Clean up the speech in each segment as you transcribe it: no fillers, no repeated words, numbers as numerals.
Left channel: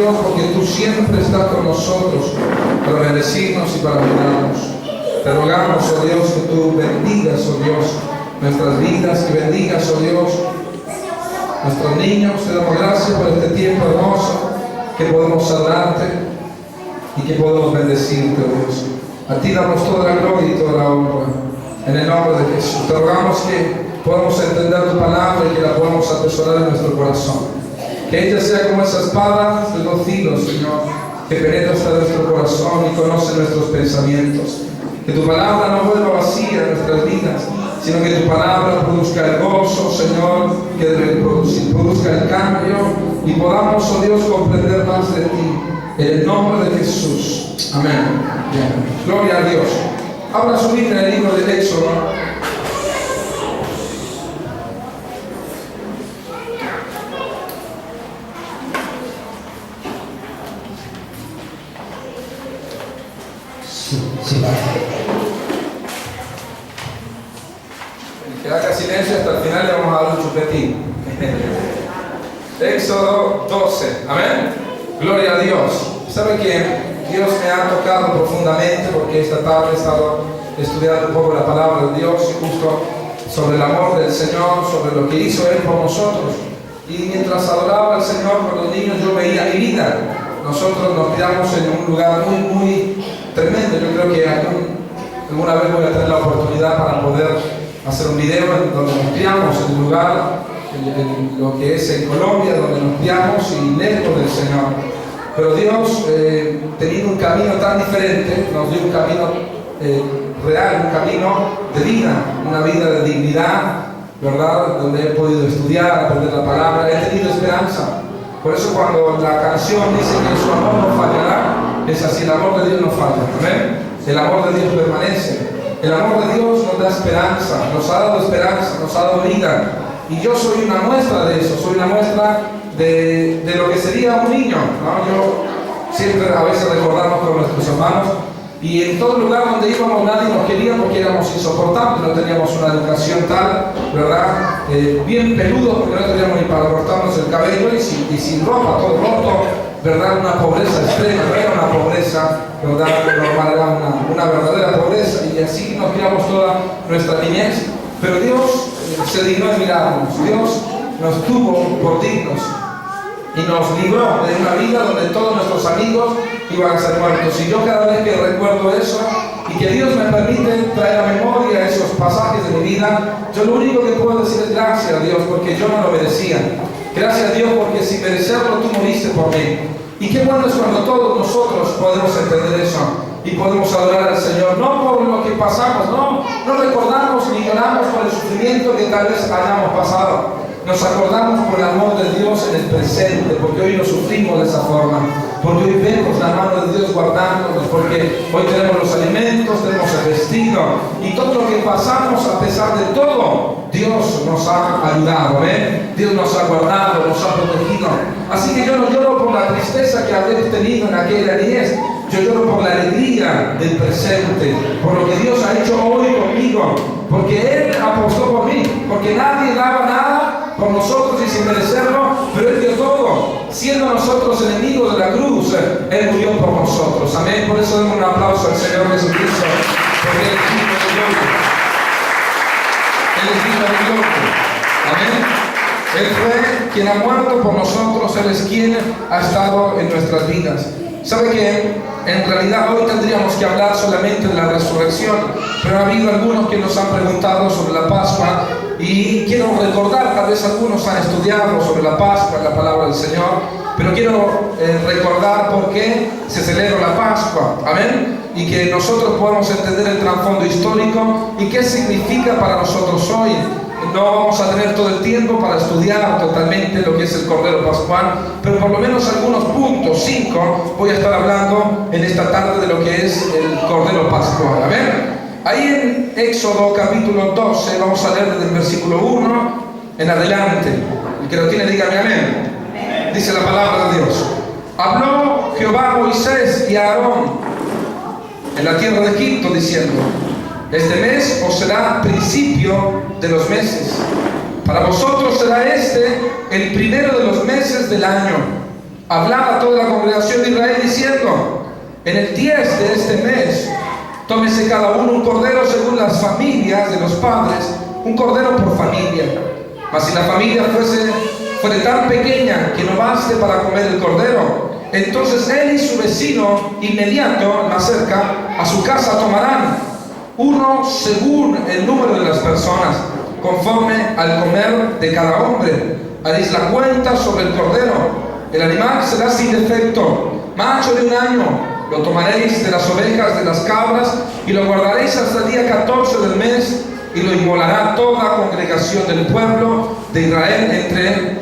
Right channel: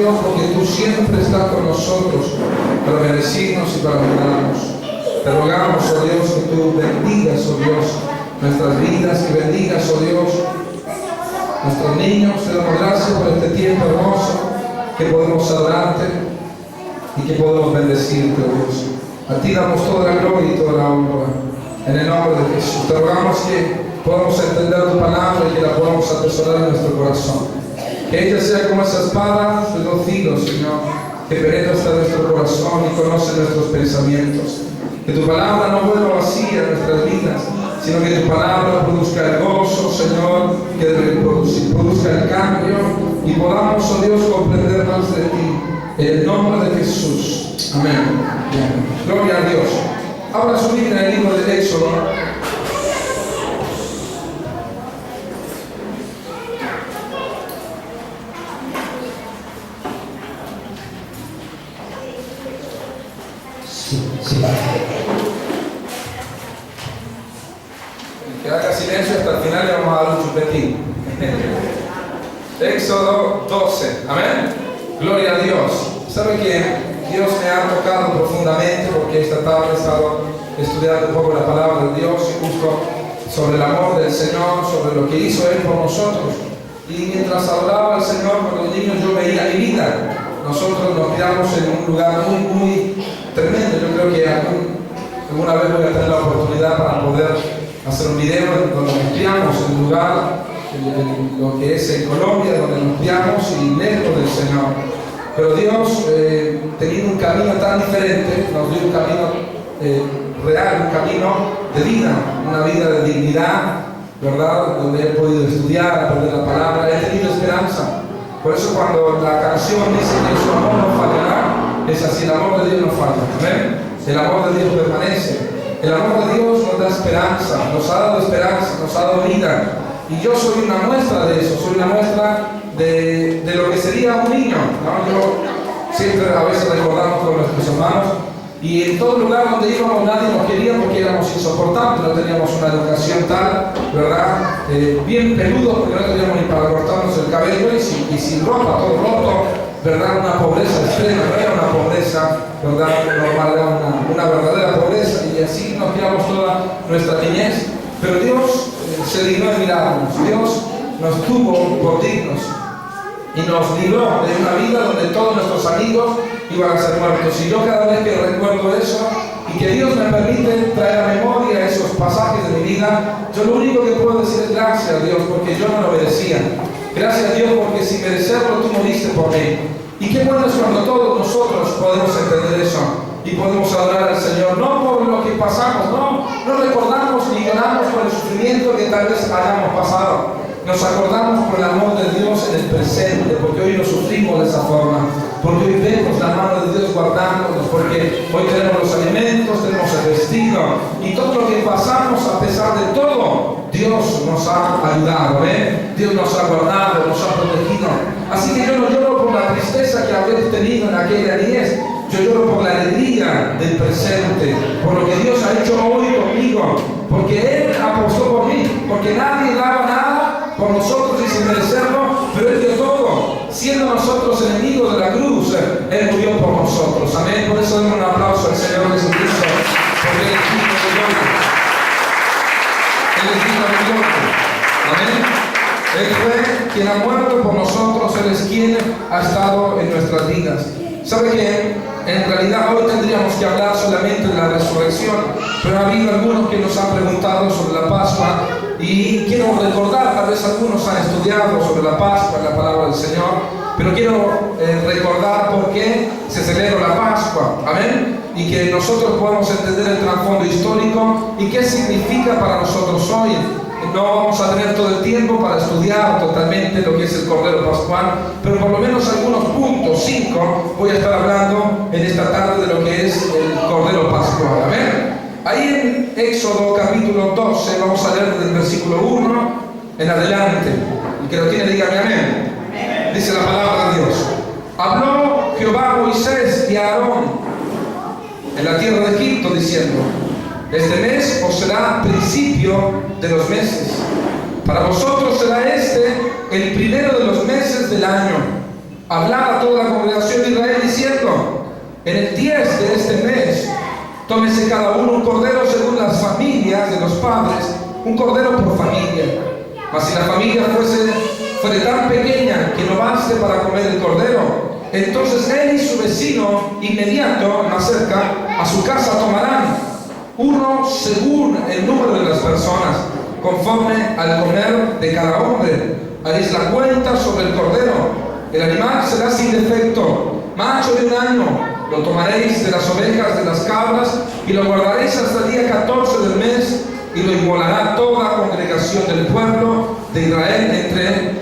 Dios, porque tú siempre estás con nosotros para bendecirnos y para ayudarnos. Te rogamos, oh Dios, que tú bendigas, oh Dios, nuestras vidas, que bendigas, oh Dios, nuestros niños. Te damos gracias por este tiempo hermoso que podemos adorarte y que podemos bendecirte, oh Dios. A ti damos toda la gloria y toda la honra. En el nombre de Jesús. Te rogamos que podamos entender tu palabra y que la podamos atesorar en nuestro corazón. Que ella sea como esa espada de dos filos, Señor, que penetra hasta nuestro corazón y conoce nuestros pensamientos. Que tu palabra no vuelva vacía en nuestras vidas, sino que tu palabra produzca el gozo, Señor, que debe producir, produzca el cambio y podamos, oh Dios, comprender más de ti. En el nombre de Jesús. Amén. Bien. Gloria a Dios. Abra su Biblia en el libro de Éxodo. Sí. El que haga silencio hasta el final le vamos a dar un chupetín. Éxodo 12. Amén. Gloria a Dios. ¿Sabe que Dios me ha tocado profundamente porque esta tarde he estado estudiando un poco la palabra de Dios y justo sobre el amor del Señor, sobre lo que hizo Él por nosotros? Y mientras adoraba al Señor con los niños yo veía mi vida. Nosotros nos criamos en un lugar muy tremendo. Yo creo que alguna vez voy a tener la oportunidad para poder hacer un video en donde nos criamos, en el lugar, en lo que es en Colombia, donde nos criamos y lejos del Señor. Pero Dios, teniendo un camino tan diferente, nos dio un camino real, un camino de vida, una vida de dignidad, ¿verdad? Donde he podido estudiar, aprender la palabra, he tenido esperanza. Por eso cuando la canción dice que su amor no fallará, es así, el amor de Dios no falla. ¿Amén? El amor de Dios permanece. El amor de Dios nos da esperanza, nos ha dado esperanza, nos ha dado vida. Y yo soy una muestra de eso, soy una muestra de lo que sería un niño, ¿no? Yo siempre a veces recordamos con nuestros hermanos y en todo lugar donde íbamos nadie nos quería porque éramos insoportables, no teníamos una educación tal, ¿verdad? Bien peludos porque no teníamos ni para cortarnos el cabello y sin ropa, todo roto, ¿verdad? Una pobreza extrema, no era una pobreza, ¿verdad? Normal, era una verdadera pobreza y así nos criamos toda nuestra niñez. Pero Dios se dignó en mirarnos, Dios nos tuvo por dignos y nos libró de una vida donde todos nuestros amigos iban a ser muertos. Y yo cada vez que recuerdo eso y que Dios me permite traer a memoria esos pasajes de mi vida, yo lo único que puedo decir es gracias a Dios porque yo no lo merecía. Gracias a Dios porque sin merecerlo tú moriste por mí. Y qué bueno es cuando todos nosotros podemos entender eso y podemos adorar al Señor, no por lo que pasamos, no recordamos ni lloramos por el sufrimiento que tal vez hayamos pasado. Nos acordamos por el amor de Dios en el presente, porque hoy no sufrimos de esa forma, porque hoy vemos la mano de Dios guardándonos, porque hoy tenemos los alimentos, tenemos el vestido y todo lo que pasamos, a pesar de todo, Dios nos ha ayudado, Dios nos ha guardado, nos ha protegido. Así que yo no lloro por la tristeza que habré tenido en aquella niñez, yo lloro por la alegría del presente, por lo que Dios ha hecho hoy conmigo, porque Él apostó por mí, porque nadie daba nada por nosotros y sin merecerlo, pero Él dio todo. Siendo nosotros enemigos de la cruz, Él murió por nosotros. Amén. Por eso demos un aplauso al Señor Jesucristo, porque Él es digno de gloria. Él es digno de gloria. Amén. Él fue quien ha muerto por nosotros, Él es quien ha estado en nuestras vidas. ¿Sabe qué? En realidad hoy tendríamos que hablar solamente de la resurrección, pero ha habido algunos que nos han preguntado sobre la Pascua y quiero recordar, tal vez algunos han estudiado sobre la Pascua en la palabra del Señor, pero quiero recordar por qué se celebra la Pascua, amén, y que nosotros podamos entender el trasfondo histórico y qué significa para nosotros hoy. No vamos a tener todo el tiempo para estudiar totalmente lo que es el Cordero Pascual, pero por lo menos algunos puntos, 5, voy a estar hablando en esta tarde de lo que es el Cordero Pascual. Amén. Ahí en Éxodo capítulo 12, vamos a leer desde el versículo 1 en adelante. El que lo tiene, dígame amén. Amén. Dice la palabra de Dios. Habló Jehová a Moisés y a Aarón en la tierra de Egipto, diciendo: este mes os será principio de los meses. Para vosotros será este el primero de los meses del año. hablar a toda la congregación de Israel diciendo: en el 10 de este mes, tómese cada uno un cordero según las familias de los padres, un cordero por familia. Mas si la familia fuere tan pequeña que no baste para comer el cordero, entonces él y su vecino inmediato, más cerca, a su casa tomarán uno según el número de las personas, conforme al comer de cada hombre. Haréis la cuenta sobre el cordero. El animal será sin defecto, macho de 1 año. Lo tomaréis de las ovejas, de las cabras, y lo guardaréis hasta el día 14 del mes, y lo inmolará toda congregación del pueblo de Israel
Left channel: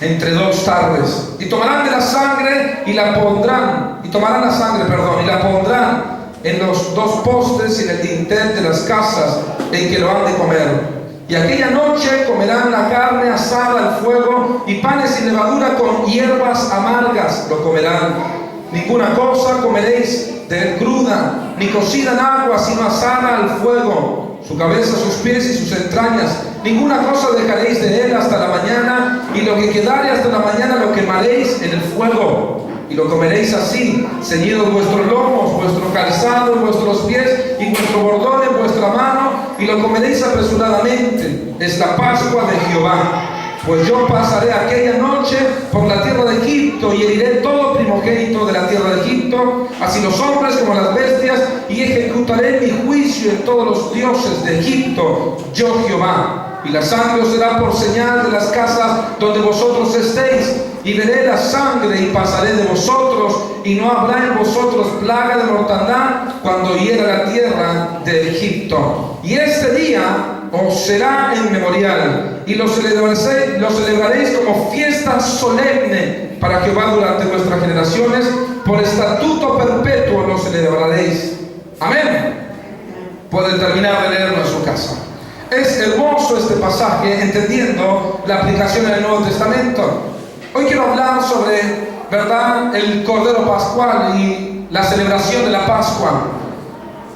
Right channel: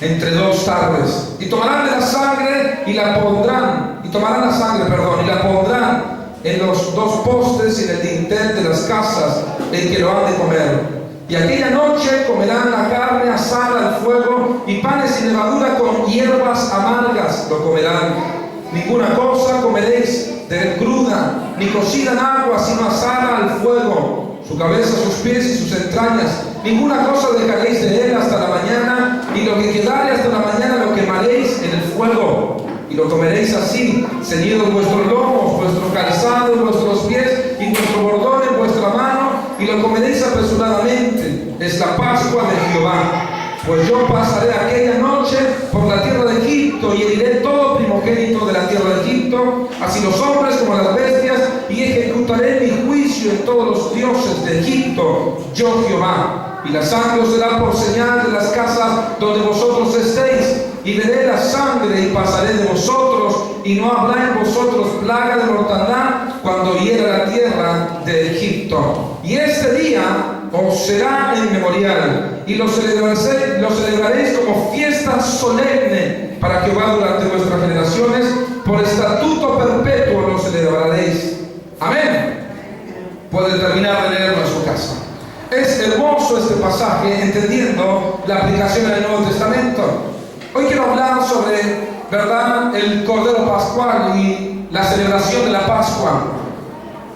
entre 2 tardes. Y tomarán de la sangre y la pondrán, y la pondrán en los 2 postes y en el dintel de las casas en que lo han de comer. Y aquella noche comerán la carne asada al fuego y panes sin levadura con hierbas amargas lo comerán. Ninguna cosa comeréis de él cruda, ni cocida en agua, sino asada al fuego. Su cabeza, sus pies y sus entrañas. Ninguna cosa dejaréis de él hasta la mañana, y lo que quedare hasta la mañana lo quemaréis en el fuego. Y lo comeréis así, ceñidos vuestros lomos, vuestro calzado en vuestros pies, y vuestro bordón en vuestra mano, y lo comeréis apresuradamente. Es la Pascua de Jehová. Pues yo pasaré aquella noche por la tierra de Egipto, y heriré todo primogénito de la tierra de Egipto, así los hombres como las bestias, y ejecutaré mi juicio en todos los dioses de Egipto, yo Jehová. Y la sangre os será por señal de las casas donde vosotros estéis, y veré la sangre y pasaré de vosotros, y no habrá en vosotros plaga de mortandad cuando hiera la tierra de Egipto. Y este día os será en memorial, y lo celebraréis como fiesta solemne para Jehová durante vuestras generaciones, por estatuto perpetuo lo celebraréis. Amén. Pueden terminar de leerlo en su casa. Es hermoso este pasaje, entendiendo la aplicación en el Nuevo Testamento. Hoy quiero hablar sobre, ¿verdad?, el Cordero Pascual y la celebración de la Pascua.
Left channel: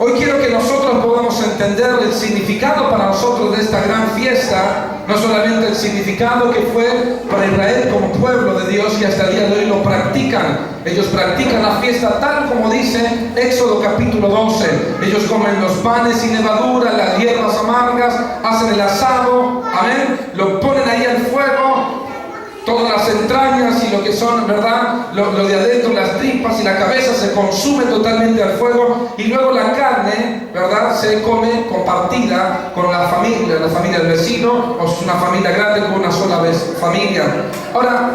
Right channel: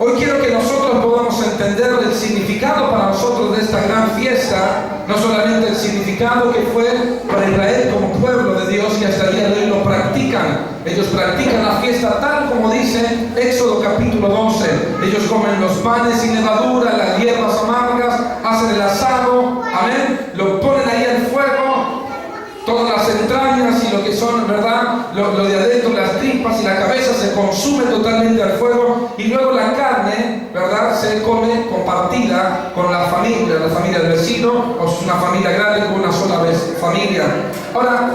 Hoy quiero que nosotros podamos entender el significado para nosotros de esta gran fiesta, no solamente el significado que fue para Israel como pueblo de Dios, que hasta el día de hoy lo practican. Ellos practican la fiesta tal como dice Éxodo capítulo 12. Ellos comen los panes sin levadura, las hierbas amargas, hacen el asado, amén, lo ponen ahí al fuego, todas las entrañas y lo que son, ¿verdad?, lo de adentro, las tripas y la cabeza se consume totalmente al fuego, y luego la carne, ¿verdad?, se come compartida con la familia del vecino, o si es una familia grande, con una sola familia. Ahora,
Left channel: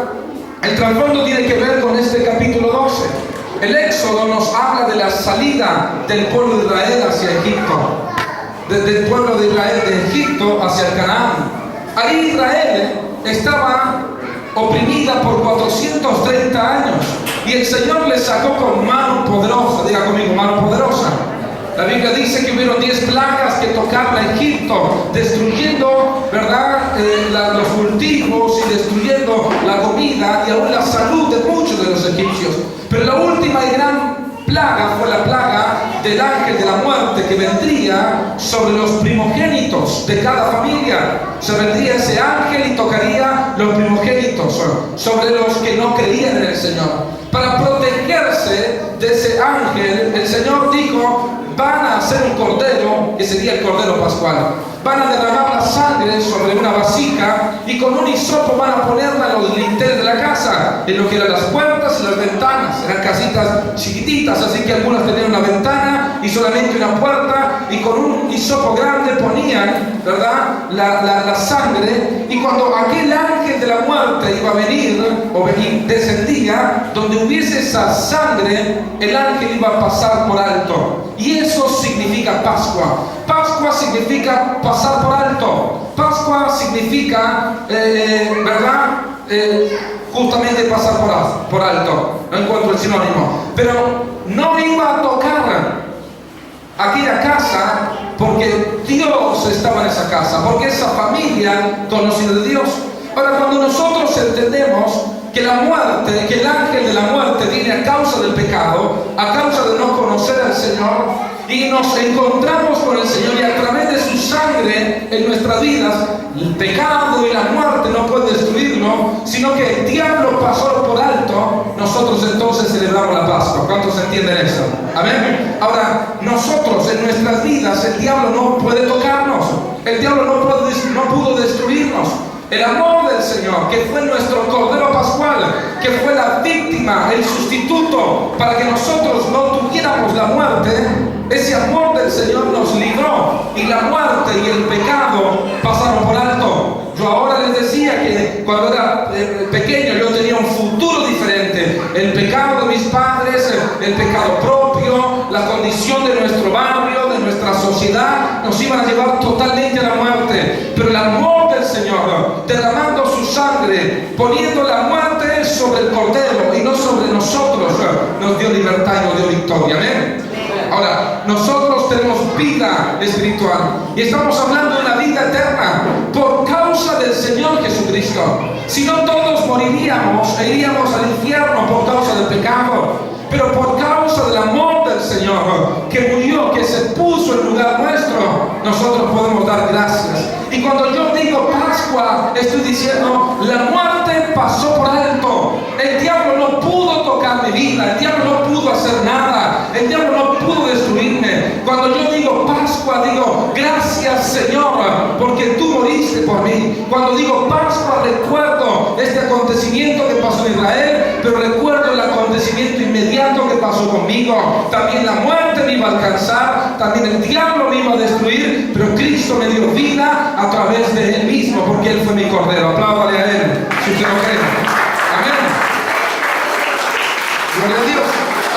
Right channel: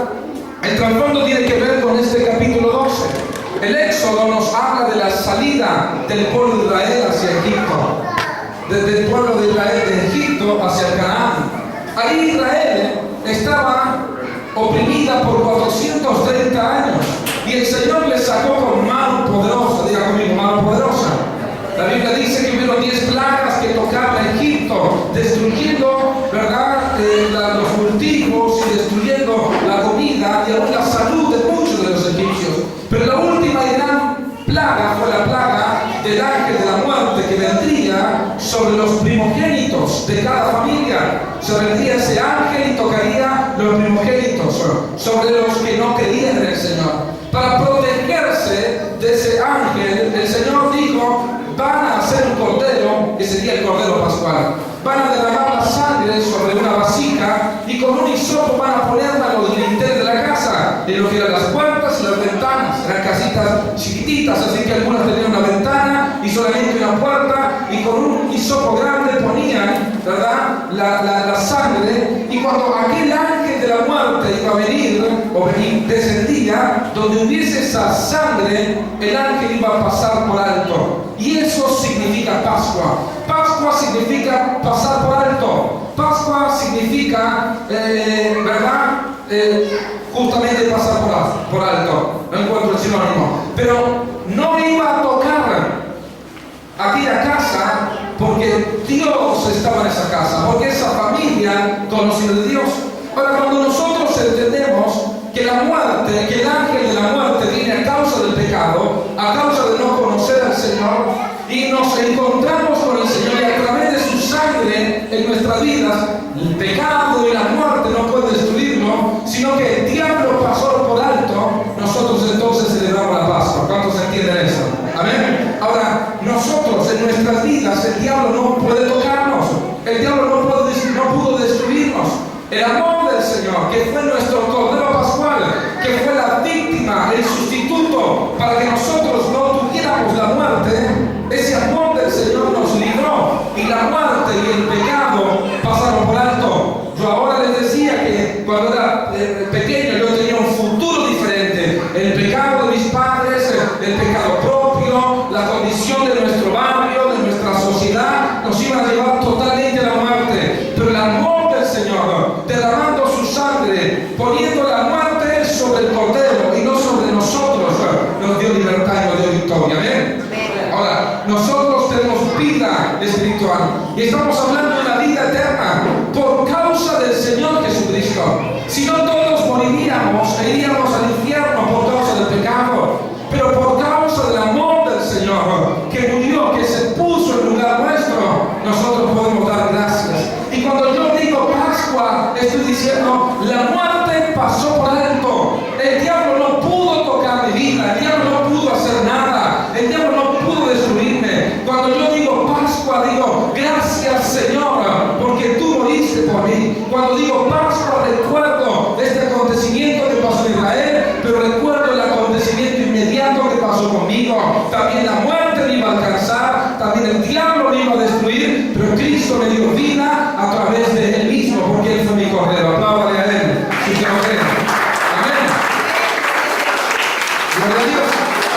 el trasfondo tiene que ver con este capítulo 12. El Éxodo nos habla de la salida del pueblo de Israel hacia Egipto, desde el pueblo de Israel de Egipto hacia Canaán. Ahí Israel estaba oprimida por 430 años, y el Señor les sacó con mano poderosa. Diga conmigo, mano poderosa. La Biblia dice que hubieron 10 plagas que tocaron a Egipto, destruyendo, ¿verdad?, los cultivos y destruyendo la comida y aún la salud de muchos de los egipcios. Pero la última y gran plaga fue la plaga del ángel de la muerte, que vendría sobre los primogénitos de cada familia. Se vendría ese ángel y tocaría los primogénitos, sobre los que no creían en el Señor. Para protegerse de ese ángel, el Señor dijo: van a hacer un cordero, que sería el cordero pascual. Van a derramar la sangre sobre una vasija, y con un hisopo van a ponerla en los dinteles de la casa, en lo que eran las puertas y las ventanas. Eran casitas chiquititas, así que algunas tenían una ventana y solamente una puerta, y con un hisopo grande ponían, ¿verdad?, la sangre. Y cuando aquel ángel de la muerte iba a venir, o descendía, donde hubiese esa sangre, el ángel iba a pasar por alto. Y eso significa Pascua. Pascua significa pasar por alto. Pascua significa, ¿verdad?, justamente pasar por alto. No encuentro el sinónimo. Pero no iba a tocar aquella casa, porque Dios estaba en esa casa, porque esa familia conocida de Dios. Ahora, cuando nosotros entendemos que la muerte, que el ángel de la muerte viene a causa del pecado, a causa de no conocer al Señor, y nos encontramos con el Señor, y a través de su sangre en nuestras vidas el pecado y la muerte no pueden destruirlo, sino que el diablo pasó por alto, nosotros entonces celebramos la Pascua. ¿Cuántos entienden eso? Amén. Ahora, nosotros en nuestras vidas, el diablo no puede tocarnos, el diablo no pudo destruirnos. El amor del Señor, que fue nuestro Cordero Pascual, que fue la víctima, el sustituto, para que nosotros no tuviéramos la muerte, ese amor del Señor nos libró, y la muerte y el pecado pasaron por alto. Yo ahora les decía que cuando era pequeño yo tenía un futuro diferente. El pecado de mis padres, el pecado propio, la condición de nuestro barrio, de nuestra sociedad, nos iban a llevar totalmente a la muerte. Pero el amor del Señor, derramando su sangre, poniendo la muerte sobre el Cordero y no sobre nosotros, nos dio libertad y nos dio victoria. Amén. Ahora, nosotros tenemos vida espiritual y estamos hablando de una vida eterna por causa del Señor Jesucristo. Si no, todos moriríamos e iríamos al infierno por causa del pecado, pero por causa del amor del Señor, que murió, que se puso en lugar nuestro, nosotros podemos dar gracias. Y cuando yo digo Pascua, estoy diciendo, la muerte pasó por alto. El diablo no pudo tocar mi vida, el diablo no pudo hacer nada, el diablo no pudo destruirme. Cuando yo digo Pascua, digo, gracias Señor, porque tú moriste por mí. Cuando digo Pascua, recuerdo este acontecimiento que pasó en Israel, pero recuerdo el acontecimiento inmediato que pasó conmigo. También la muerte me iba a alcanzar, también el diablo me iba a destruir, pero Cristo me dio vida a través de Él mismo, porque Él fue mi Cordero. Apláudale a Él, si usted lo cree. Amén. Gloria a Dios.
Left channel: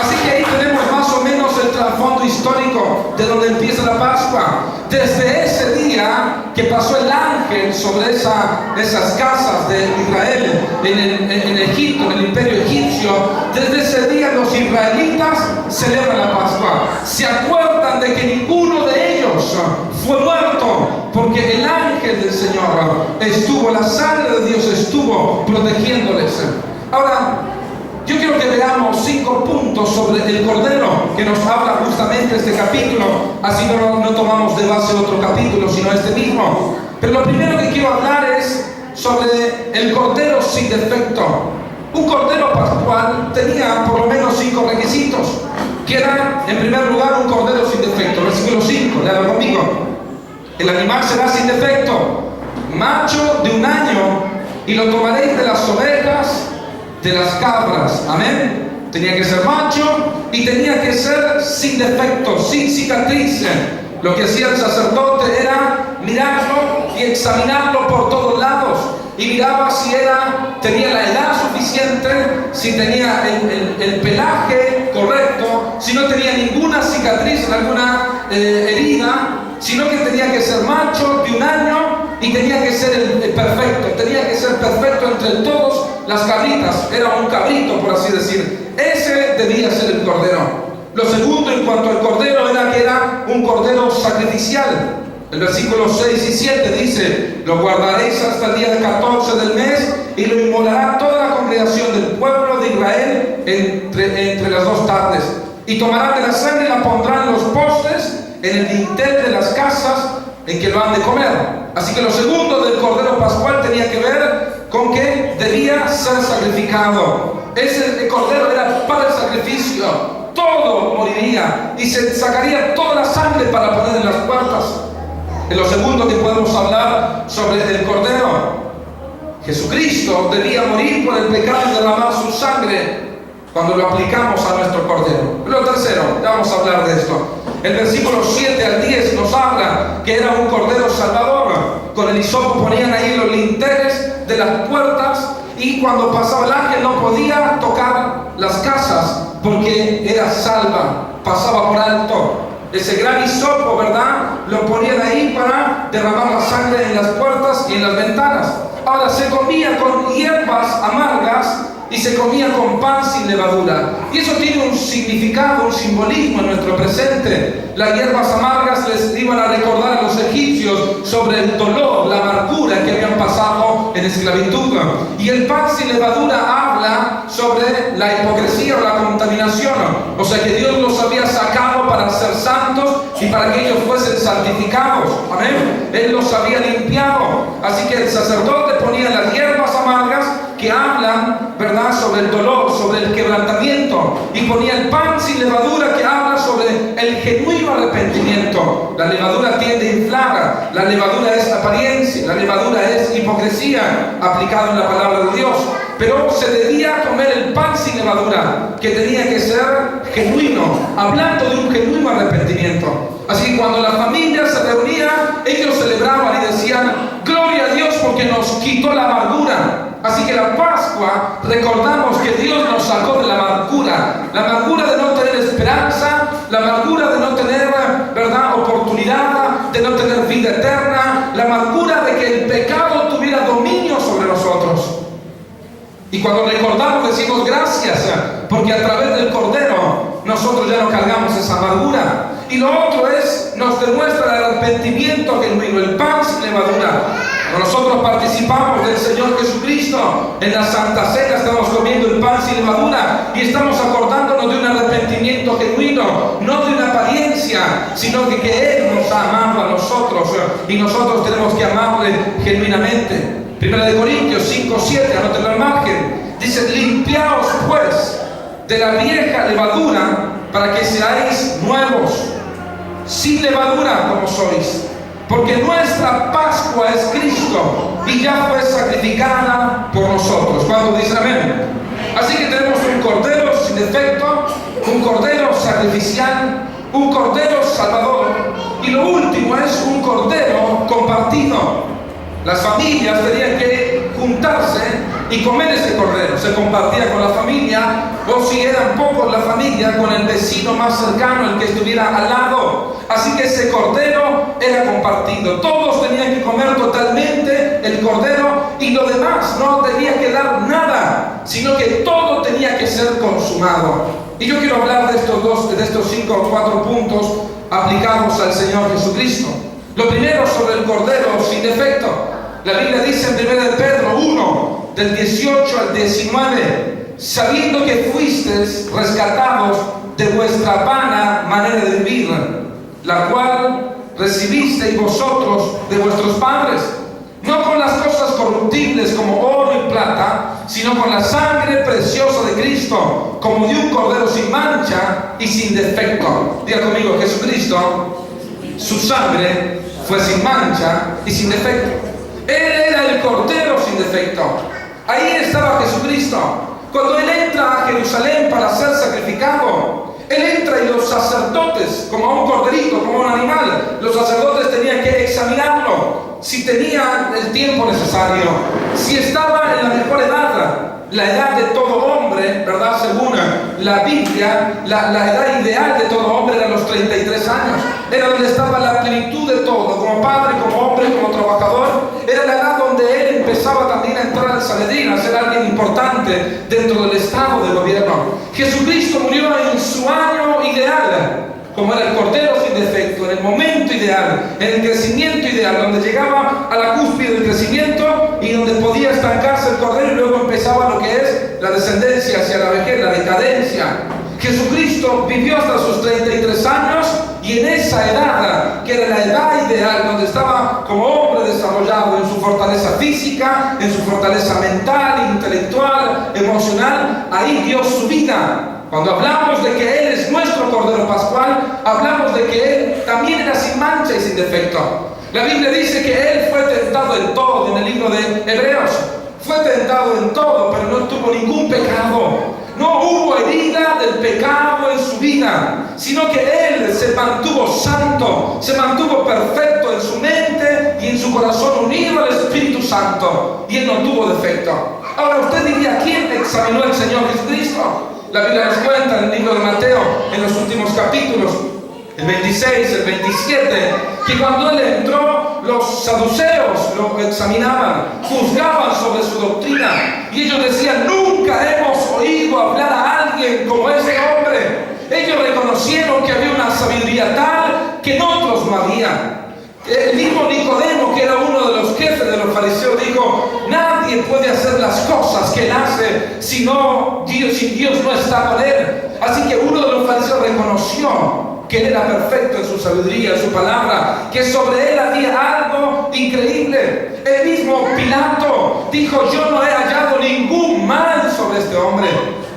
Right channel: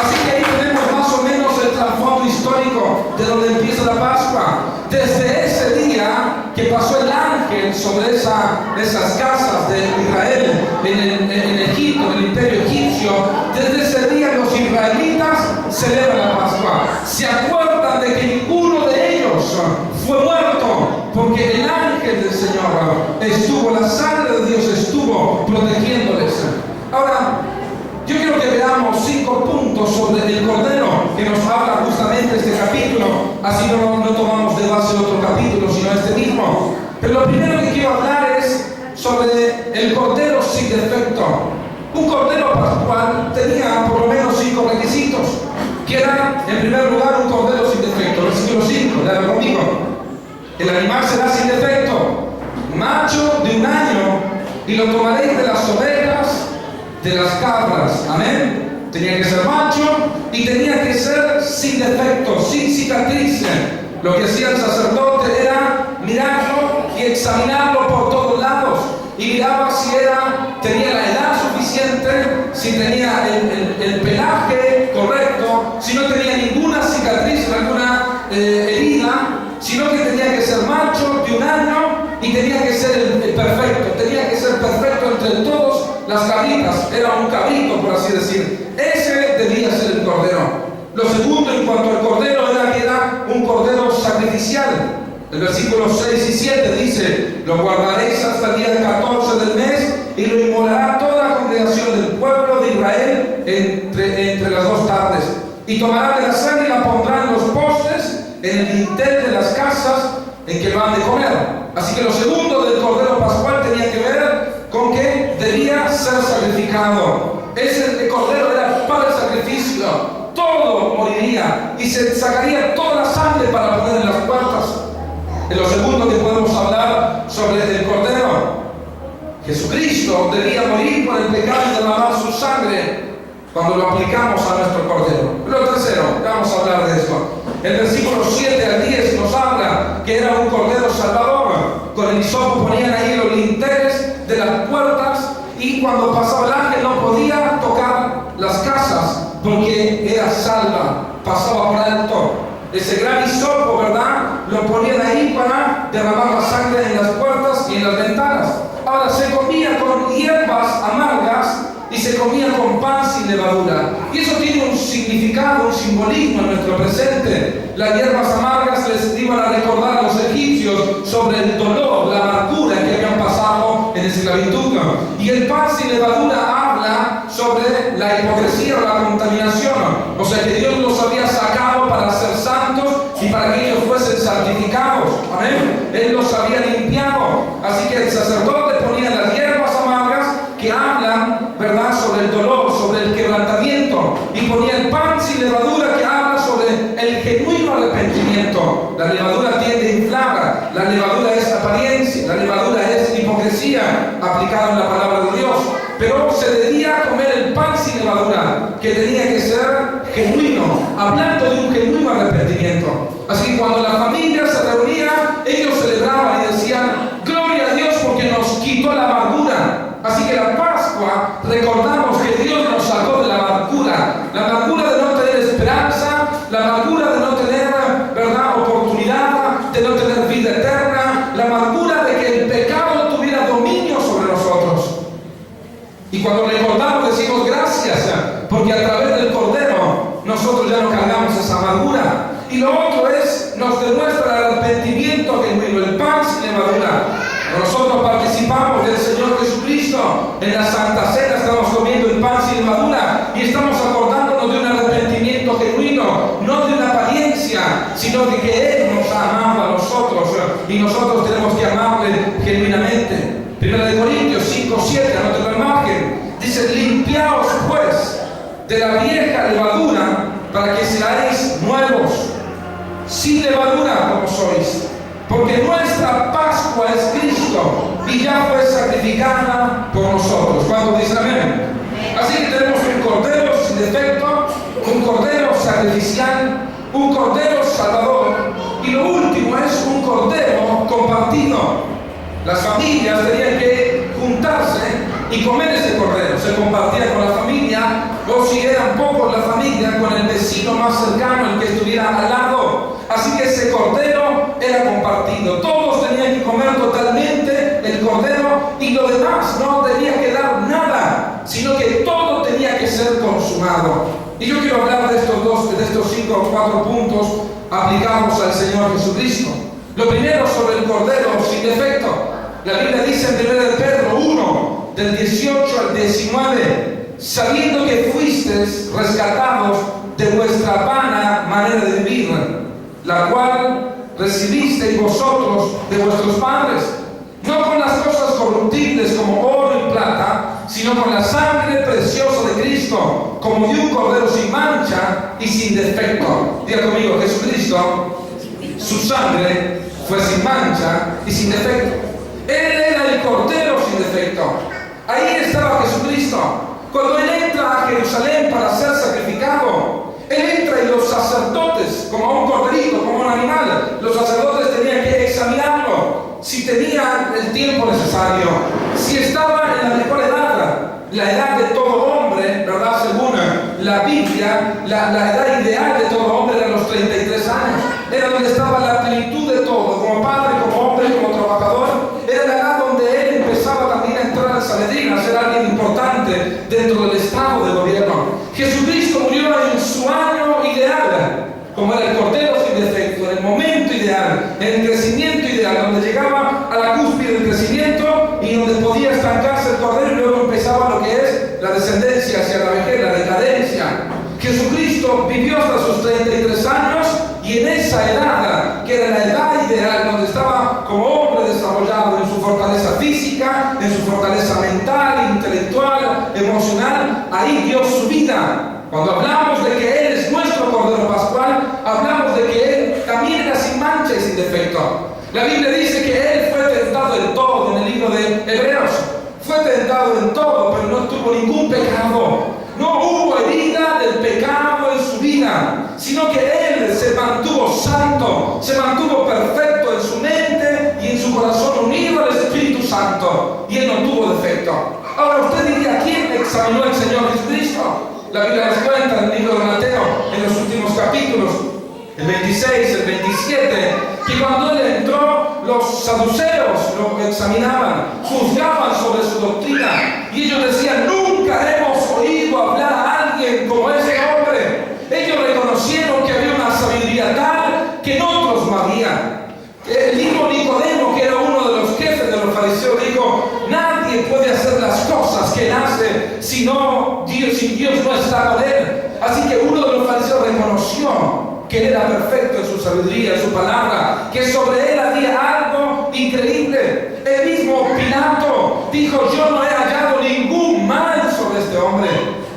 Así que ahí tenemos más o menos el trasfondo histórico de donde empieza la Pascua. Desde ese día que pasó el ángel sobre esas casas de Israel en Egipto, en el imperio egipcio, desde ese día los israelitas celebran la Pascua. Se acuerdan de que ninguno de ellos fue muerto, porque el ángel del Señor estuvo, la sangre de Dios estuvo protegiéndoles. Ahora, yo quiero que veamos 5 puntos sobre el Cordero que nos habla justamente este capítulo. Así no tomamos de base otro capítulo, sino este mismo. Pero lo primero que quiero hablar es sobre el Cordero sin defecto. Un Cordero pascual tenía por lo menos 5 requisitos, que era, en primer lugar, un Cordero sin defecto. Versículo 5, léalo conmigo. El animal será sin defecto, macho de 1 año, y lo tomaréis de las ovejas, de las cabras. Amén. Tenía que ser macho y tenía que ser sin defecto, sin cicatriz. Lo que hacía el sacerdote era mirarlo y examinarlo por todos lados, y miraba si tenía la edad suficiente, si tenía el pelaje correcto, si no tenía ninguna cicatriz, alguna herida, sino que tenía que ser macho de 1 año y tenía que ser el perfecto, tenía que ser perfecto entre todos las cabritas. Era un cabrito, por así decir. Ese debía ser el Cordero. Lo segundo en cuanto al Cordero era que era un Cordero sacrificial. El versículo 6 y 7 dice: lo guardaréis hasta el día 14 del mes, y lo inmolará toda la congregación del pueblo de Israel entre las 2 tardes. Y tomarán de la sangre y la pondrán en los postes, en el dintel de las casas en que lo han de comer. Así que lo segundo del Cordero Pascual tenía que ver con que debía ser sacrificado. Ese Cordero era para el sacrificio. Todo moriría y se sacaría toda la sangre para poner en las puertas. En lo segundo que podemos hablar sobre el Cordero, Jesucristo debía morir por el pecado y derramar su sangre cuando lo aplicamos a nuestro Cordero. Lo tercero, ya vamos a hablar de esto. El versículo 7 al 10 nos habla que era un Cordero salvador. Con el hisopo ponían ahí los linteles de las puertas, y cuando pasaba el ángel no podía tocar las casas porque era salva, pasaba por alto. Ese gran hisopo, ¿verdad?, lo ponían ahí para derramar la sangre en las puertas y en las ventanas. Ahora, se comía con hierbas amargas y se comía con pan sin levadura. Y eso tiene un significado, un simbolismo en nuestro presente. Las hierbas amargas les iban a recordar a los egipcios sobre el dolor, la amargura que habían pasado en esclavitud. Y el pan sin levadura habla sobre la hipocresía o la contaminación. O sea que Dios los había sacado para ser santos y para que ellos fuesen santificados. Amén. Él los había limpiado. Así que el sacerdote ponía las hierbas amargas que hablan, ¿verdad?, sobre el dolor, sobre el quebrantamiento, y ponía el pan sin levadura que habla sobre el genuino arrepentimiento. La levadura tiende a inflar, la levadura es apariencia, la levadura es hipocresía aplicado en la palabra de Dios. Pero se debía comer el pan sin levadura, que tenía que ser genuino, hablando de un genuino arrepentimiento. Así que cuando la familia se reunía, ellos celebraban y decían: gloria a Dios porque nos quitó la amargura. Así que la Pascua, recordamos que Dios nos sacó de la amargura de no tener esperanza, la amargura de no tener, ¿verdad?, oportunidad, de no tener vida eterna, la amargura de que el pecado tuviera dominio sobre nosotros. Y cuando recordamos decimos gracias, porque a través del Cordero nosotros ya no cargamos esa amargura. Y lo otro es, nos demuestra el arrepentimiento genuino, el pan sin levadura. Cuando nosotros participamos del Señor Jesucristo en la Santa Cena, estamos comiendo el pan sin levadura y estamos acordándonos de un arrepentimiento genuino, no de una apariencia, sino de que Él nos ha amado a nosotros y nosotros tenemos que amarle genuinamente. Primera de Corintios 5:7, anótenlo al margen, dice: limpiaos pues de la vieja levadura para que seáis nuevos, sin levadura como sois, porque nuestra Pascua es Cristo y ya fue sacrificada por nosotros. ¿Cuándo dicen amén? Así que tenemos un cordero sin defecto, un cordero sacrificial, un cordero salvador, y lo último es un cordero compartido. Las familias tenían que juntarse y comer ese cordero. Se compartía con la familia, o si eran pocos la familia, con el vecino más cercano, el que estuviera al lado. Así que ese cordero era compartido. Todos tenían que comer totalmente el cordero y lo demás no debía quedar nada, sino que todo tenía que ser consumado. Y yo quiero hablar de estos 5 o 4 puntos aplicados al Señor Jesucristo. Lo primero, sobre el cordero sin defecto. La Biblia dice en 1 de Pedro 1, del 18 al 19, sabiendo que fuisteis rescatados de vuestra vana manera de vivir, la cual recibisteis vosotros de vuestros padres, no con las cosas corruptibles como oro y plata, sino con la sangre preciosa de Cristo, como de un cordero sin mancha y sin defecto. Diga conmigo: Jesucristo, su sangre fue sin mancha y sin defecto. Él era el cordero sin defecto. Ahí estaba Jesucristo. Cuando Él entra a Jerusalén para ser sacrificado, Él entra y los sacerdotes, como a un corderito, como a un animal, los sacerdotes tenían que examinarlo, si tenía el tiempo necesario, si estaba en la mejor edad, la edad de todo hombre, ¿verdad? Según la Biblia, la edad ideal de todo hombre era los 33 años. Era donde estaba la plenitud de todo, como padre, como hombre, como trabajador. Era la edad donde él empezaba también a entrar al Sanedrín, a ser alguien importante dentro del estado de gobierno. Jesucristo murió en su año ideal, como era el cordero sin defecto, en el momento ideal, en el crecimiento ideal, donde llegaba a la cúspide del crecimiento y donde podía estancarse el cordero, y luego empezaba lo que es la descendencia hacia la vejez, la decadencia. Jesucristo vivió hasta sus 33 años, y en esa edad, que era la edad ideal, donde estaba como hombre desarrollado en su fortaleza física, en su fortaleza mental, intelectual, emocional, ahí dio su vida. Cuando hablamos de que Él es nuestro Cordero Pascual, hablamos de que Él también era sin mancha y sin defecto. La Biblia dice que Él fue tentado en todo, en el libro de Hebreos. Fue tentado en todo, pero no tuvo ningún pecado. No hubo herida del pecado en su vida, sino que Él se mantuvo santo, se mantuvo perfecto en su mente y en su corazón, unido al Espíritu Santo, y Él no tuvo defecto. Ahora usted diría: ¿quién examinó al Señor Jesucristo? La Biblia nos cuenta en el libro de Mateo, en los últimos capítulos, el 26, el 27, que cuando Él entró, los saduceos lo examinaban, juzgaban sobre su doctrina, y ellos decían: nunca hemos oído hablar a alguien como ese hombre. Ellos reconocieron que había una sabiduría tal que en otros no había. El mismo Nicodemo, que era uno de los jefes de los fariseos, dijo: nadie puede hacer las cosas que él hace si Dios no está con él. Así que uno de los fariseos reconoció que él era perfecto en su sabiduría, en su palabra, que sobre él había algo increíble. El mismo Pilato dijo: yo no he hallado ningún mal sobre este hombre.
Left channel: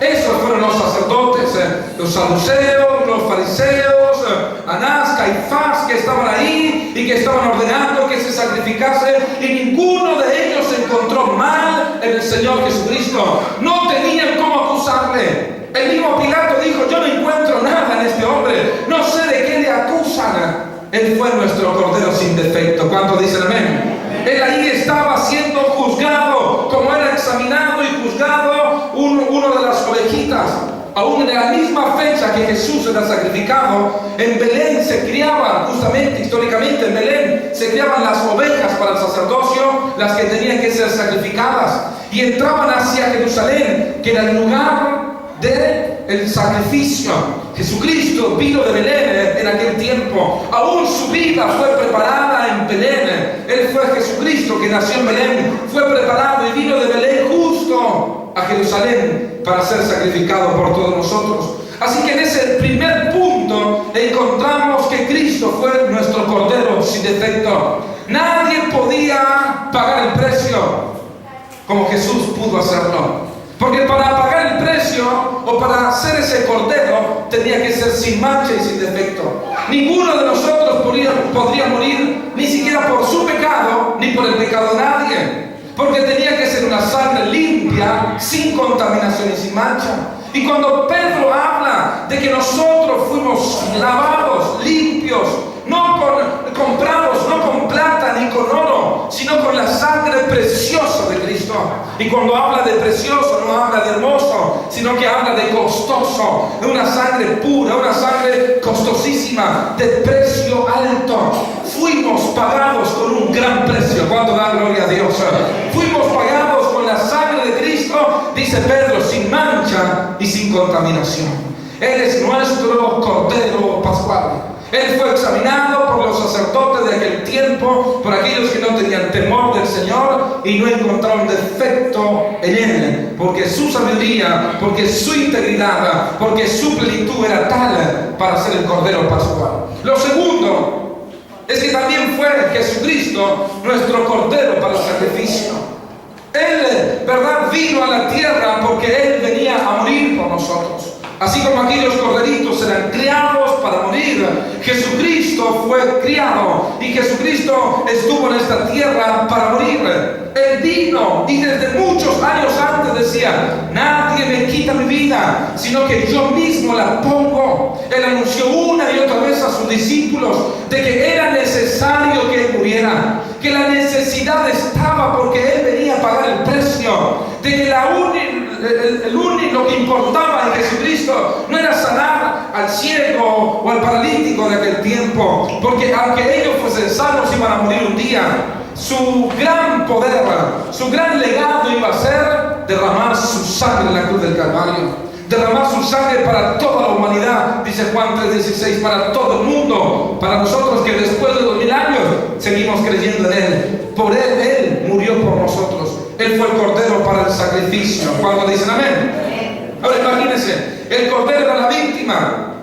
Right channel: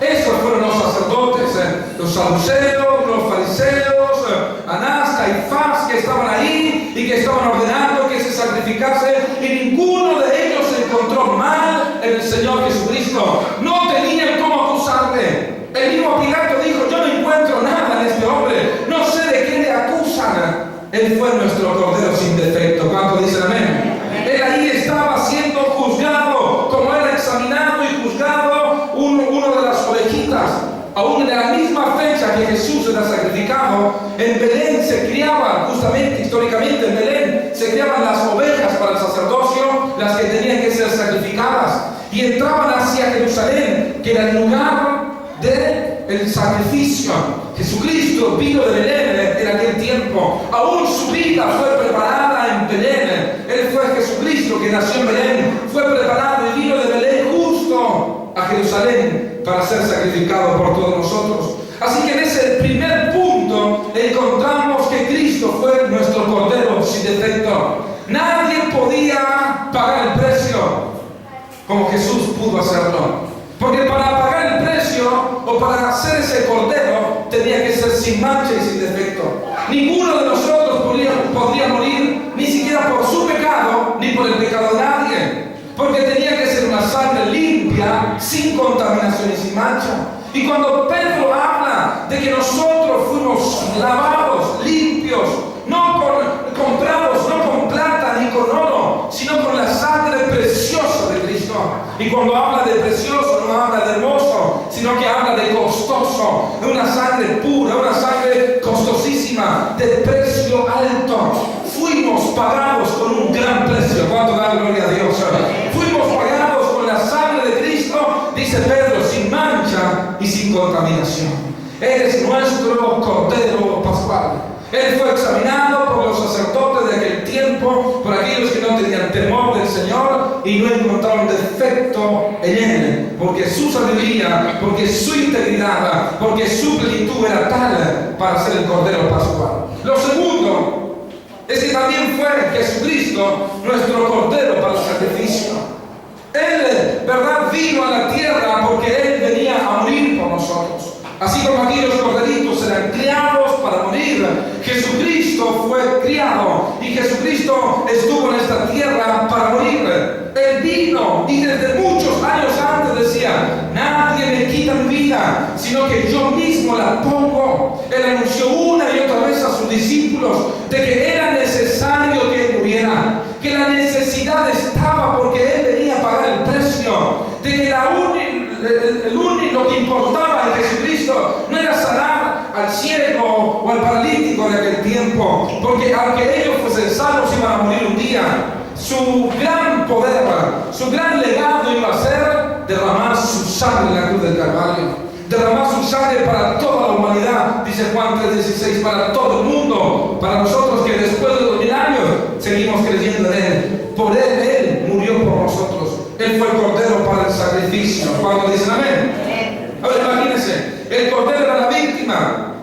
Esos fueron los sacerdotes, los saduceos, los fariseos, Anás, Caifás, que estaban ahí y que estaban ordenando que se sacrificase, y ninguno de ellos encontró mal en el Señor Jesucristo. No tenían cómo acusarle. El mismo Pilato dijo: yo no encuentro nada en este hombre, no sé de qué le acusan. Él fue nuestro Cordero sin defecto. ¿Cuántos dicen amén? Él ahí estaba siendo juzgado, como era examinado y juzgado uno de las ovejitas. Aún en la misma fecha que Jesús era sacrificado, en Belén se criaban, justamente históricamente en Belén, se criaban las ovejas para el sacerdocio, las que tenían que ser sacrificadas, y entraban hacia Jerusalén, que era el lugar del sacrificio. Jesucristo vino de Belén en aquel tiempo. Aún su vida fue preparada en Belén. Él fue Jesucristo que nació en Belén, fue preparado y vino de Belén justo a Jerusalén para ser sacrificado por todos nosotros. Así que en ese primer punto encontramos que Cristo fue nuestro Cordero sin defecto. Nadie podía pagar el precio como Jesús pudo hacerlo. Porque para pagar el precio o para hacer ese cordero tenía que ser sin mancha y sin defecto. Ninguno de nosotros podría morir ni siquiera por su pecado ni por el pecado de nadie. Porque tenía que ser una sangre limpia, sin contaminación y sin mancha. Y cuando Pedro habla de que nosotros fuimos lavados, limpios, no comprados, no con plata ni con oro, sino con la sangre preciosa de Cristo. Y cuando habla de precioso, no habla de hermoso, sino que habla de costoso, de una sangre pura, una sangre costosísima, de precio alto. Fuimos pagados con un gran precio. ¿Cuánto da gloria a Dios? Fuimos pagados con la sangre de Cristo, dice Pedro, sin mancha y sin contaminación. Él es nuestro Cordero Pascual. Él fue examinado por los sacerdotes de aquel tiempo, por aquellos que no tenían temor del Señor y no encontraron defecto en Él, porque su sabiduría, porque su integridad, porque su plenitud era tal para ser el Cordero Pascual. Lo segundo es que también fue Jesucristo nuestro Cordero para el sacrificio. Él, ¿verdad?, vino a la tierra porque Él venía a morir por nosotros. Así como aquellos corderitos eran criados para morir, Jesucristo fue criado y Jesucristo estuvo en esta tierra para morir. Él vino y desde muchos años antes decía: nadie me quita mi vida, sino que yo mismo la pongo. Él anunció una y otra vez a sus discípulos de que era necesario que Él muriera, que la necesidad estaba porque Él venía a pagar el precio, de que lo que importaba en Jesucristo no era sanar al ciego o al paralítico de aquel tiempo, porque aunque ellos fuesen sanos iban a morir un día. Su gran poder, su gran legado iba a ser derramar su sangre en la cruz del Calvario, derramar su sangre para toda la humanidad, dice Juan 3:16, para todo el mundo, para nosotros que después de 2000 años seguimos creyendo en Él. Por Él murió por nosotros. Él fue el Cordero para el sacrificio. ¿Cuándo dicen amén? Ahora imagínense, el Cordero era la víctima.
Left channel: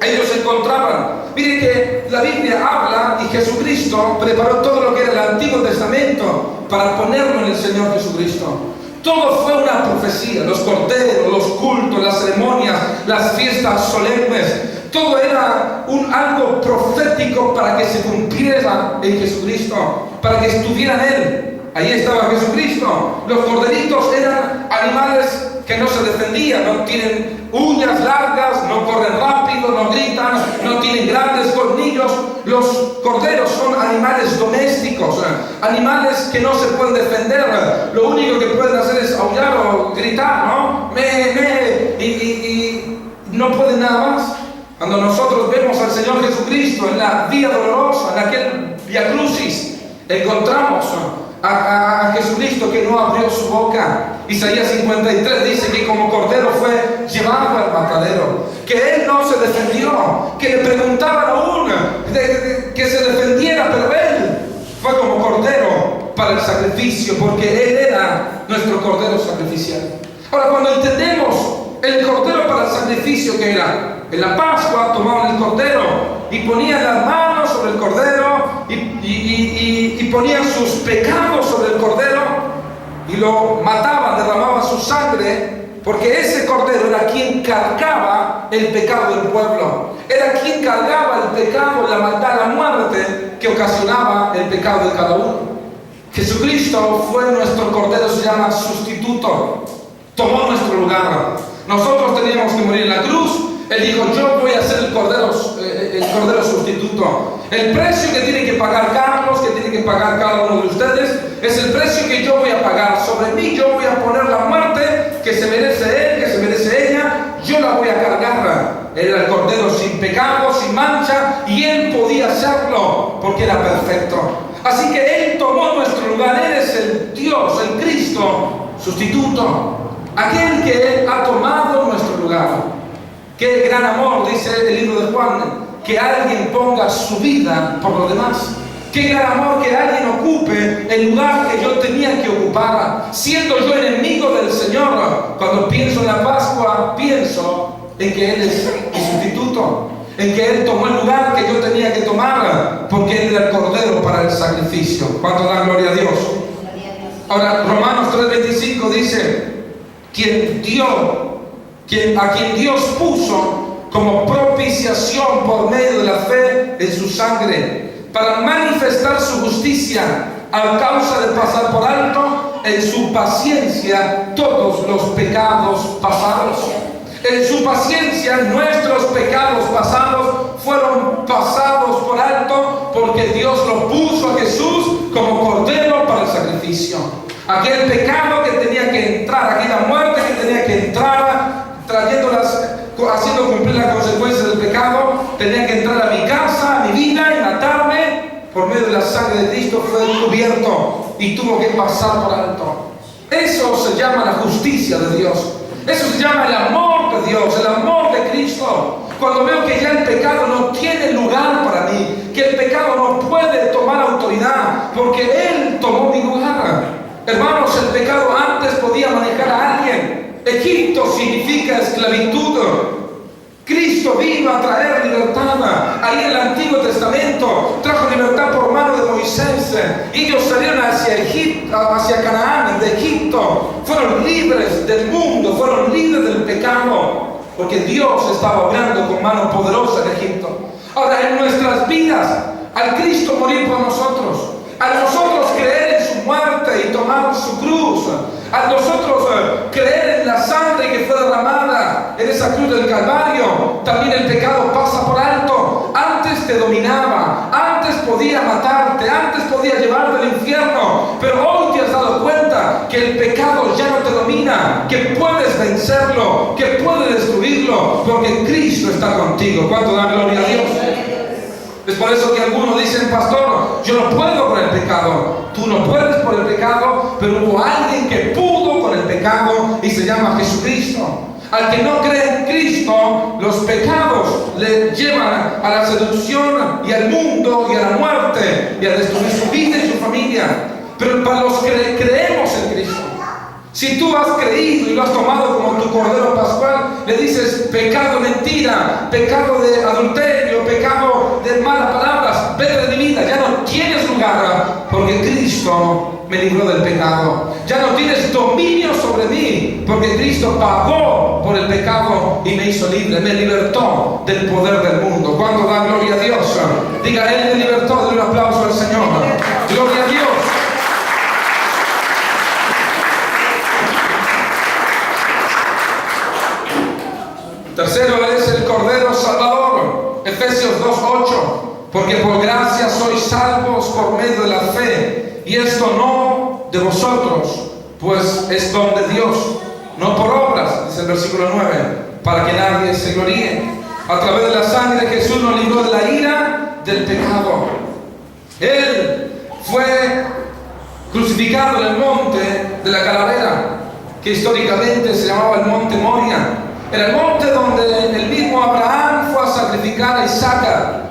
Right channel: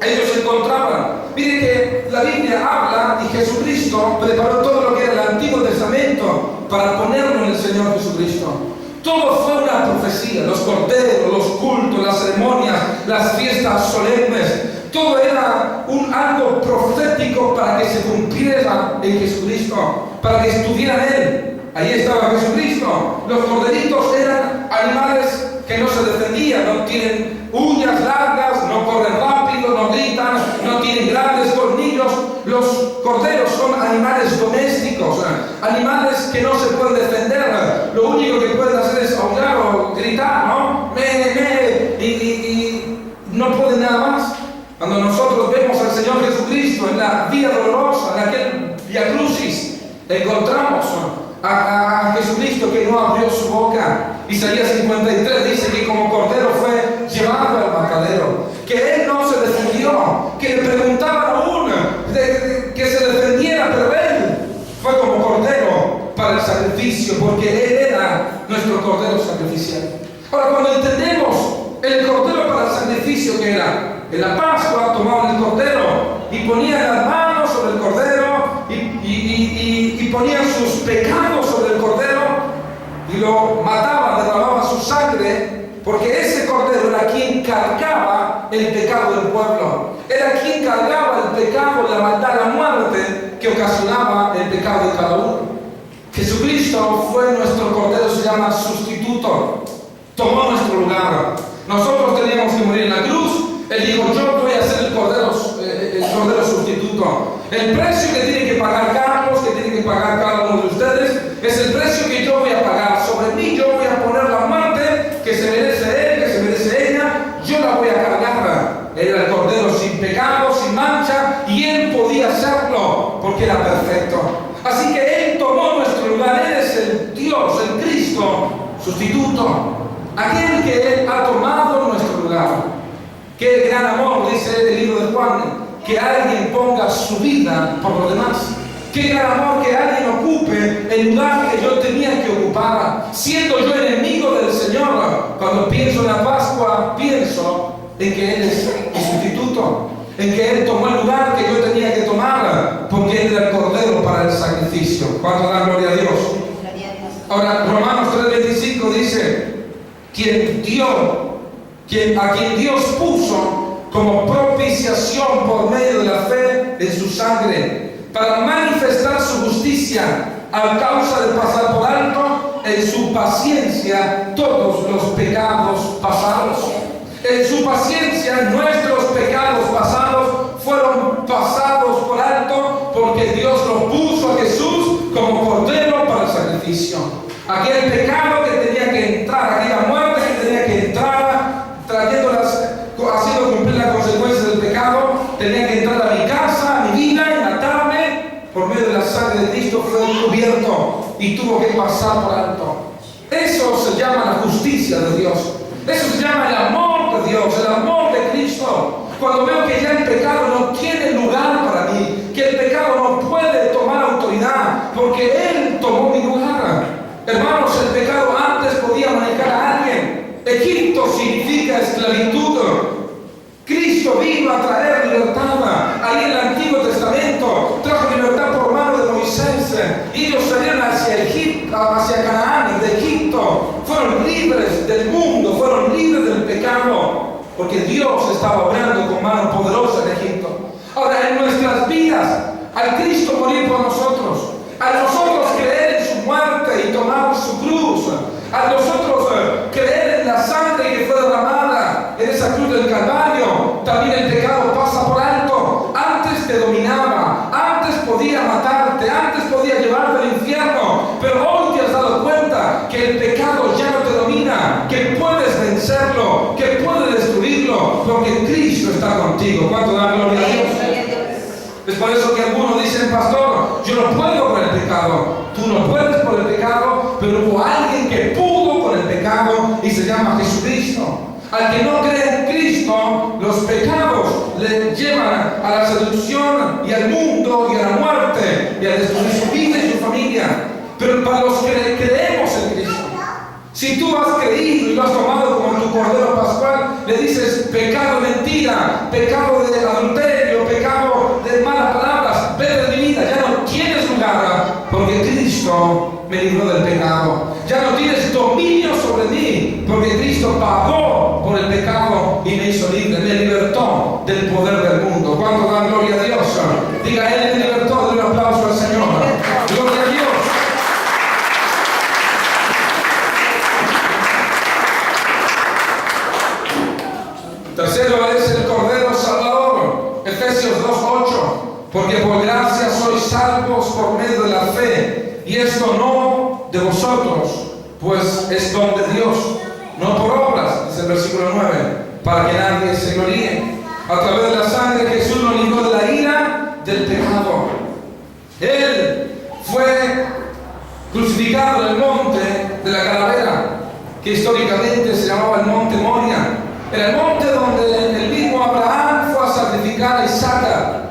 Ellos se encontraban. Miren que la Biblia habla y Jesucristo preparó todo lo que era el Antiguo Testamento para ponerlo en el Señor Jesucristo. Todo fue una profecía. Los corderos, los cultos, las ceremonias, las fiestas solemnes. Todo era algo profético para que se cumpliera en Jesucristo, para que estuviera en Él. Ahí estaba Jesucristo. Los corderitos eran animales que no se defendían, no tienen uñas largas, no corren rápido, no gritan, no tienen grandes colmillos. Los corderos son animales domésticos, animales que no se pueden defender. Lo único que pueden hacer es aullar o gritar, ¿no? Y no pueden nada más. Cuando nosotros vemos al Señor Jesucristo en la vía dolorosa, en aquel Via Crucis, encontramos a Jesucristo que no abrió su boca. Isaías 53 dice que como cordero fue llevado al matadero, que Él no se defendió, que le preguntaban aún que se defendiera, pero Él fue como cordero para el sacrificio, porque Él era nuestro cordero sacrificial. Ahora, cuando entendemos el cordero para el sacrificio, que era en la Pascua, tomaban el cordero y ponían las manos sobre el cordero y ponían sus pecados sobre el cordero y lo mataban, derramaban su sangre, porque ese cordero era quien cargaba el pecado del pueblo, era quien cargaba el pecado, la maldad, la muerte que ocasionaba el pecado de cada uno. Jesucristo fue nuestro cordero, se llama sustituto, tomó nuestro lugar. Nosotros teníamos que morir en la cruz. Él dijo: yo voy a ser el cordero sustituto. El precio que tiene que pagar Carlos, que tiene que pagar cada uno de ustedes, es el precio que yo voy a pagar. Sobre mí yo voy a poner la muerte que se merece él, que se merece ella. Yo la voy a cargar. Él era el cordero sin pecado, sin mancha, y él podía hacerlo porque era perfecto. Así que él tomó nuestro lugar. Él es el Dios, el Cristo sustituto, aquel que ha tomado nuestro lugar. Qué gran amor, dice el libro de Juan, que alguien ponga su vida por los demás. Qué gran amor que alguien ocupe el lugar que yo tenía que ocupar, siendo yo enemigo del Señor. Cuando pienso en la Pascua, pienso en que Él es mi sustituto, en que Él tomó el lugar que yo tenía que tomar, porque Él era el cordero para el sacrificio. ¿Cuánto dan gloria a Dios? Ahora, Romanos 3:25 dice: a quien Dios puso como propiciación por medio de la fe en su sangre, para manifestar su justicia a causa de pasar por alto en su paciencia todos los pecados pasados. En su paciencia nuestros pecados pasados fueron pasados por alto, porque Dios lo puso a Jesús como cordero para el sacrificio. Aquel pecado que tenía que entrar, aquella muerte que tenía que entrar, haciendo cumplir las consecuencias del pecado, tenía que entrar a mi casa, a mi vida, y matarme. Por medio de la sangre de Cristo fue cubierto y tuvo que pasar por alto. Eso se llama la justicia de Dios. Eso se llama el amor de Dios, el amor de Cristo. Cuando veo que ya el pecado no tiene lugar para mí, que el pecado no puede tomar autoridad, porque Él tomó mi lugar. Hermanos, el pecado antes podía manejar a alguien. Egipto significa esclavitud. Cristo vino a traer libertad. Ahí en el Antiguo Testamento trajo libertad por mano de Moisés. Ellos salieron hacia Canaán, de Egipto. Fueron libres del mundo, fueron libres del pecado, porque Dios estaba obrando con mano poderosa en Egipto. Ahora, en nuestras vidas, al Cristo morir por nosotros, a nosotros creer en su muerte y tomar su cruz, a nosotros creer en la sangre que fue derramada en esa cruz del Calvario, también el pecado pasa por alto. Antes te dominaba, antes podía matarte, antes podía llevarte al infierno, pero hoy te has dado cuenta que el pecado ya no te domina, que puedes vencerlo, que puedes destruirlo, porque Cristo está contigo. ¿Cuánto da gloria a Dios? Es por eso que algunos dicen: pastor, yo no puedo con el pecado. Tú no puedes por el pecado, pero hubo alguien que pudo con el pecado y se llama Jesucristo. Al que no cree en Cristo, los pecados le llevan a la seducción y al mundo y a la muerte y a destruir su vida y su familia. Pero para los que creemos en Cristo, si tú has creído y lo has tomado como tu cordero pascual, le dices: pecado, mentira, pecado de adulterio, pecado de malas palabras, vete de mi vida, ya no tienes lugar, porque Cristo me libró del pecado. Ya no tienes dominio sobre mí, porque Cristo pagó por el pecado y me hizo libre, me libertó del poder del mundo. ¿Cuánto da gloria a Dios? Diga: Él me libertó. Dale un aplauso al Señor. Gloria a Dios. Tercero es el Cordero Salvador. Efesios 2:8. Porque por gracia sois salvos por medio de la fe, y esto no de vosotros, pues es don de Dios, no por obras, dice el versículo 9, para que nadie se gloríe. A través de la sangre Jesús nos libró de la ira del pecado. Él fue crucificado en el monte de la Calavera, que históricamente se llamaba el monte Moria. Era el monte donde el mismo Abraham fue a sacrificar a Isaac.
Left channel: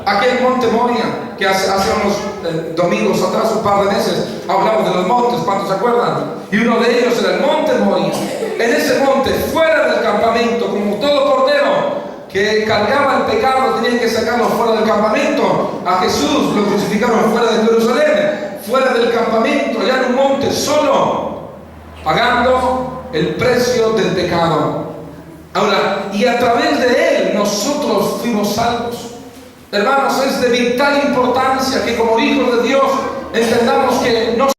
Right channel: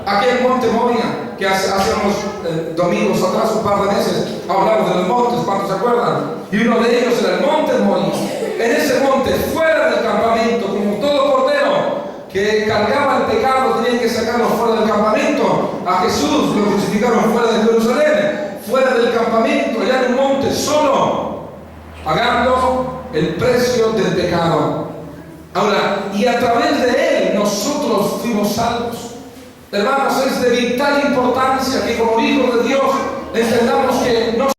Aquel monte Moria, que hace unos domingos atrás, un par de meses, hablamos de los montes, ¿cuántos se acuerdan? Y uno de ellos era el monte Moria. En ese monte, fuera del campamento, como todo cordero que cargaba el pecado, tenían que sacarlo fuera del campamento. A Jesús lo crucificaron fuera de Jerusalén. fuera del campamento, allá en un monte, solo, pagando el precio del pecado. Ahora, y a través de él nosotros fuimos salvos. Hermanos, es de vital importancia que como hijos de Dios entendamos que no